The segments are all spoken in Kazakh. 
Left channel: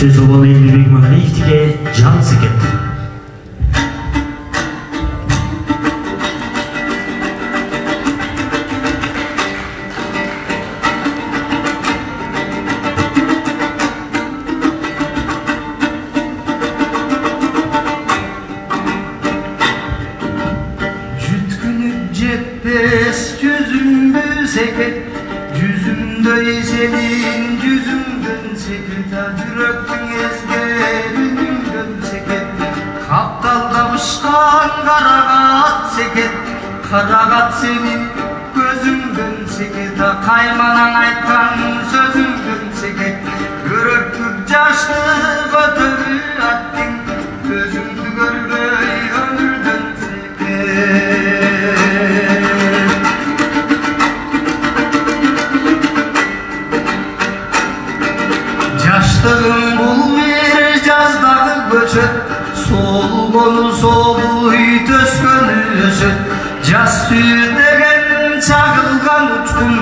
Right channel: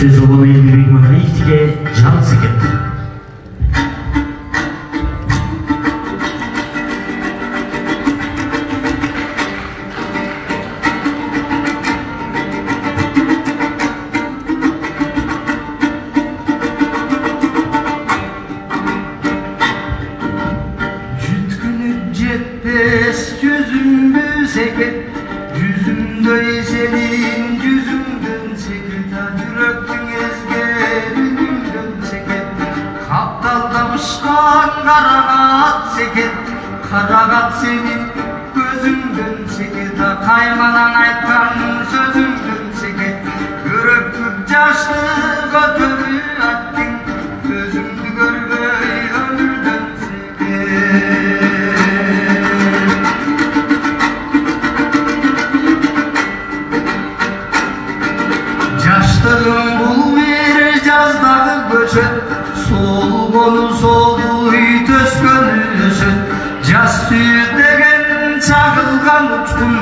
Сөз обалы Елбек Мағаниевтіге жан секет. Jütkünüp jetpes yüzümdü seket, yüzümdöy senin yüzümdün seket, yürektün ezgelümdün seket, kaptal kavuşkan karagat seket, karagat senin gözümdün seket, kaymanan aytkan sözümdün seket, yürektür jaşlı götürü attın, gözümdü görgöy ömürdün seket. Yaştığım bul bir жаздағы көшет, солғаны солуй төскені өсет, жас түйір деген чағылған ұчқын,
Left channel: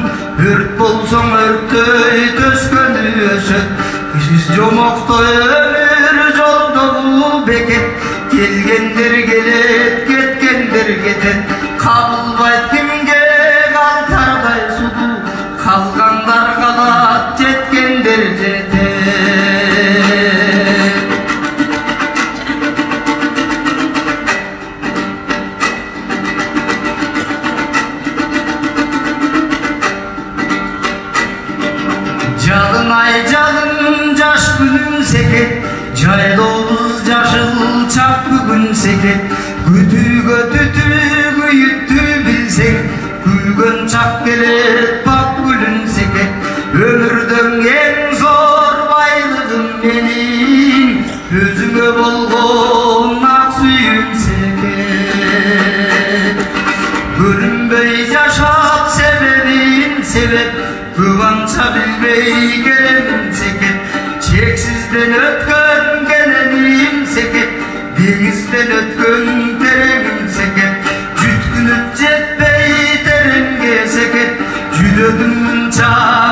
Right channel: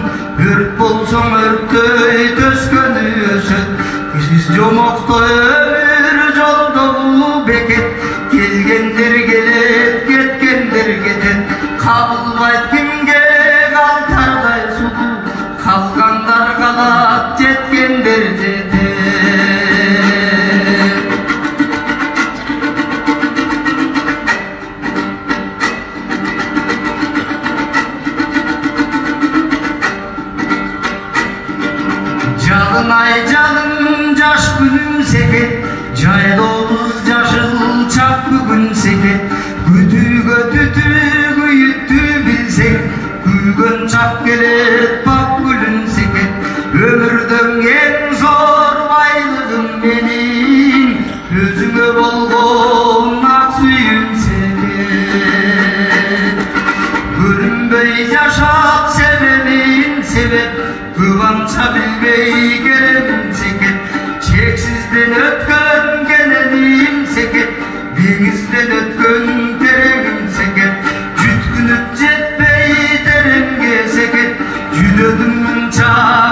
өрт болсаң өрттөй төскені өсет, кішіз жомақтай өмір жолды бұл бекет, келгендер келет, кеткендер кетет, қабылбайт кімге қалтардай сұлу, қалғандар қалат, жеткендер жетет. Жалын ай жалын жаш күнім секет, жайлауыз жашыл чак бүгін секет, күтүүгө түтүү үйүттү билсең, күлгөн чак келет пак гүлүн секет, өмүрдүн эң зор байлыгым менин, өзүңө болгон ак сүйүүм секет, көрүнбөй жашап себебин себеп, көп анча билбей келемин секет, чексизден өткөн кененим секет, деңизден өткөн тереңим секет, жүткүнүп жетпей тереңге секет, жүдөдүм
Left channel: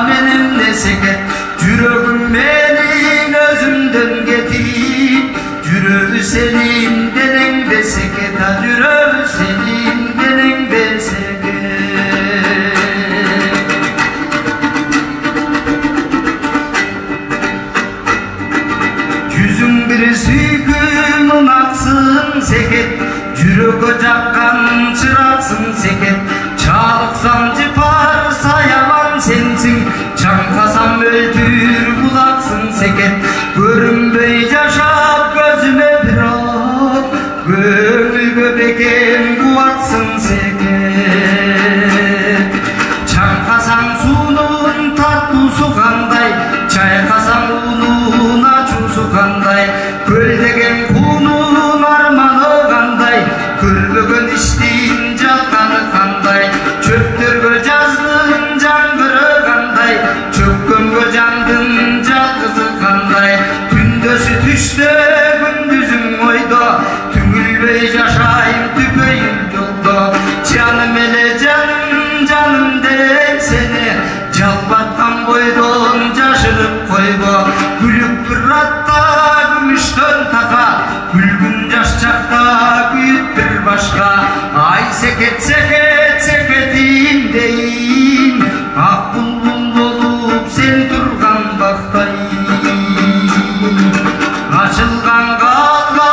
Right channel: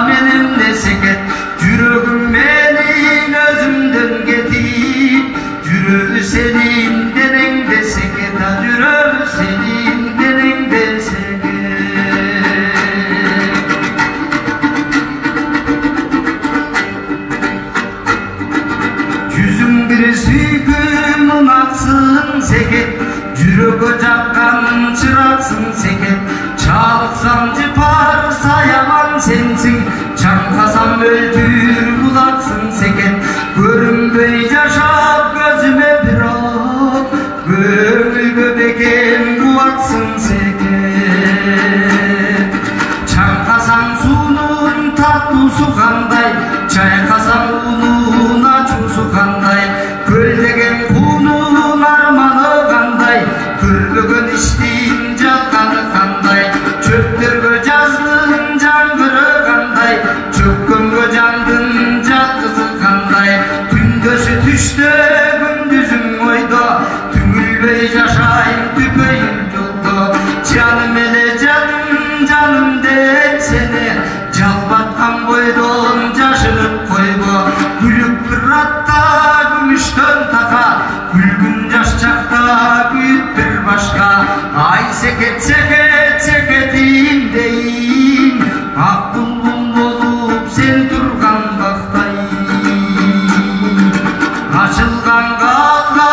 менимде секет, жүрөгүм менин өзүмдөн кетип, жүрөгү сенин денеңде секет, жүрөгү сенин денеңде секет. Сүйкүнүн аксын секет, жүрөгкө жаккан чыраксың секет, чалыксам жыпар саяман сенсиң, чаңкасам өлтүр булаксың секет, көрүнбөй жашап көзүмө бирок, көңүлгө бекем кубатсың секет, чаңкасаң суунун тартуусу кандай, чайкасаң уунун ачуусу кандай, көлдеген куунун арманы кандай, көрбөгөн иштин жатканы кандай, чөптөргө жаздын жаңгыры кандай, чөккөнгө жандын жаткызы кандай, күндөсү түштө күндүзүң ойдо, түңүлбөй жашайын түпөйүм жолдо, жаным эле жаным жаным деп сени, жалбаткан бойдон жашырып койго, күлүп биратта күмүштөн така, күлгүн жаш чакта күйүп бир башка, ай секет секет секетим дейин, ак булбул болуп сен турган бактай, ачылган калга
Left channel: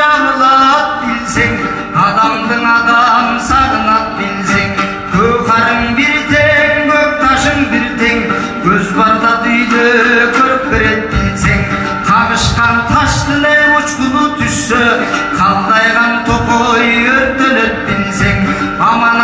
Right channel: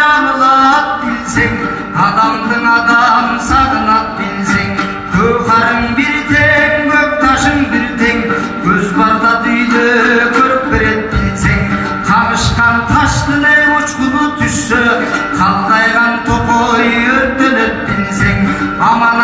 жаңылат билсең, адамдын адам сагынат билсең, көкарың бир тең, көк ташың бир тең, көз барда дүйдө көрүп берет билсең, кабышкан таштын учкуну түшсө, калдайган токой өрттөнөт билсең, аман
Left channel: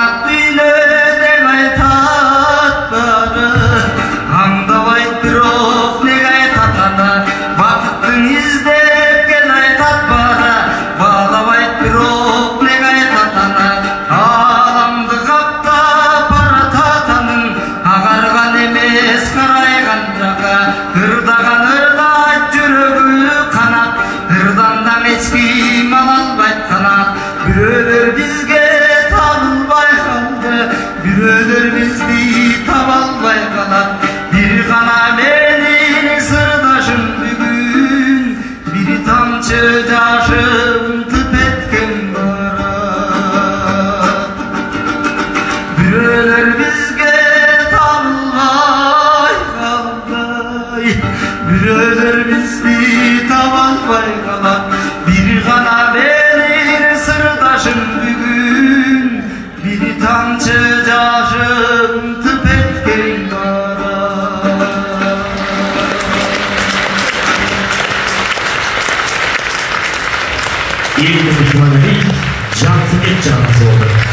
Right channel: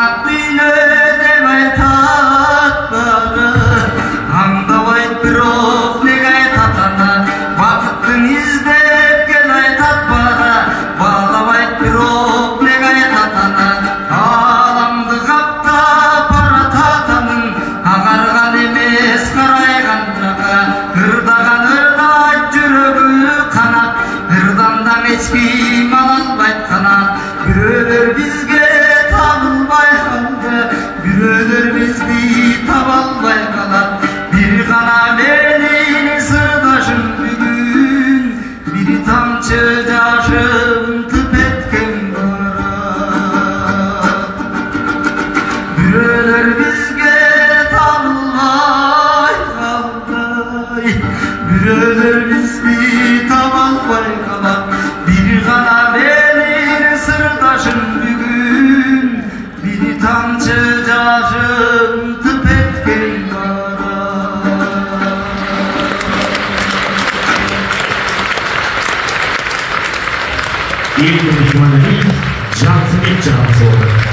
Eğitim düşmanı değil, cansızlık canlısı oldu.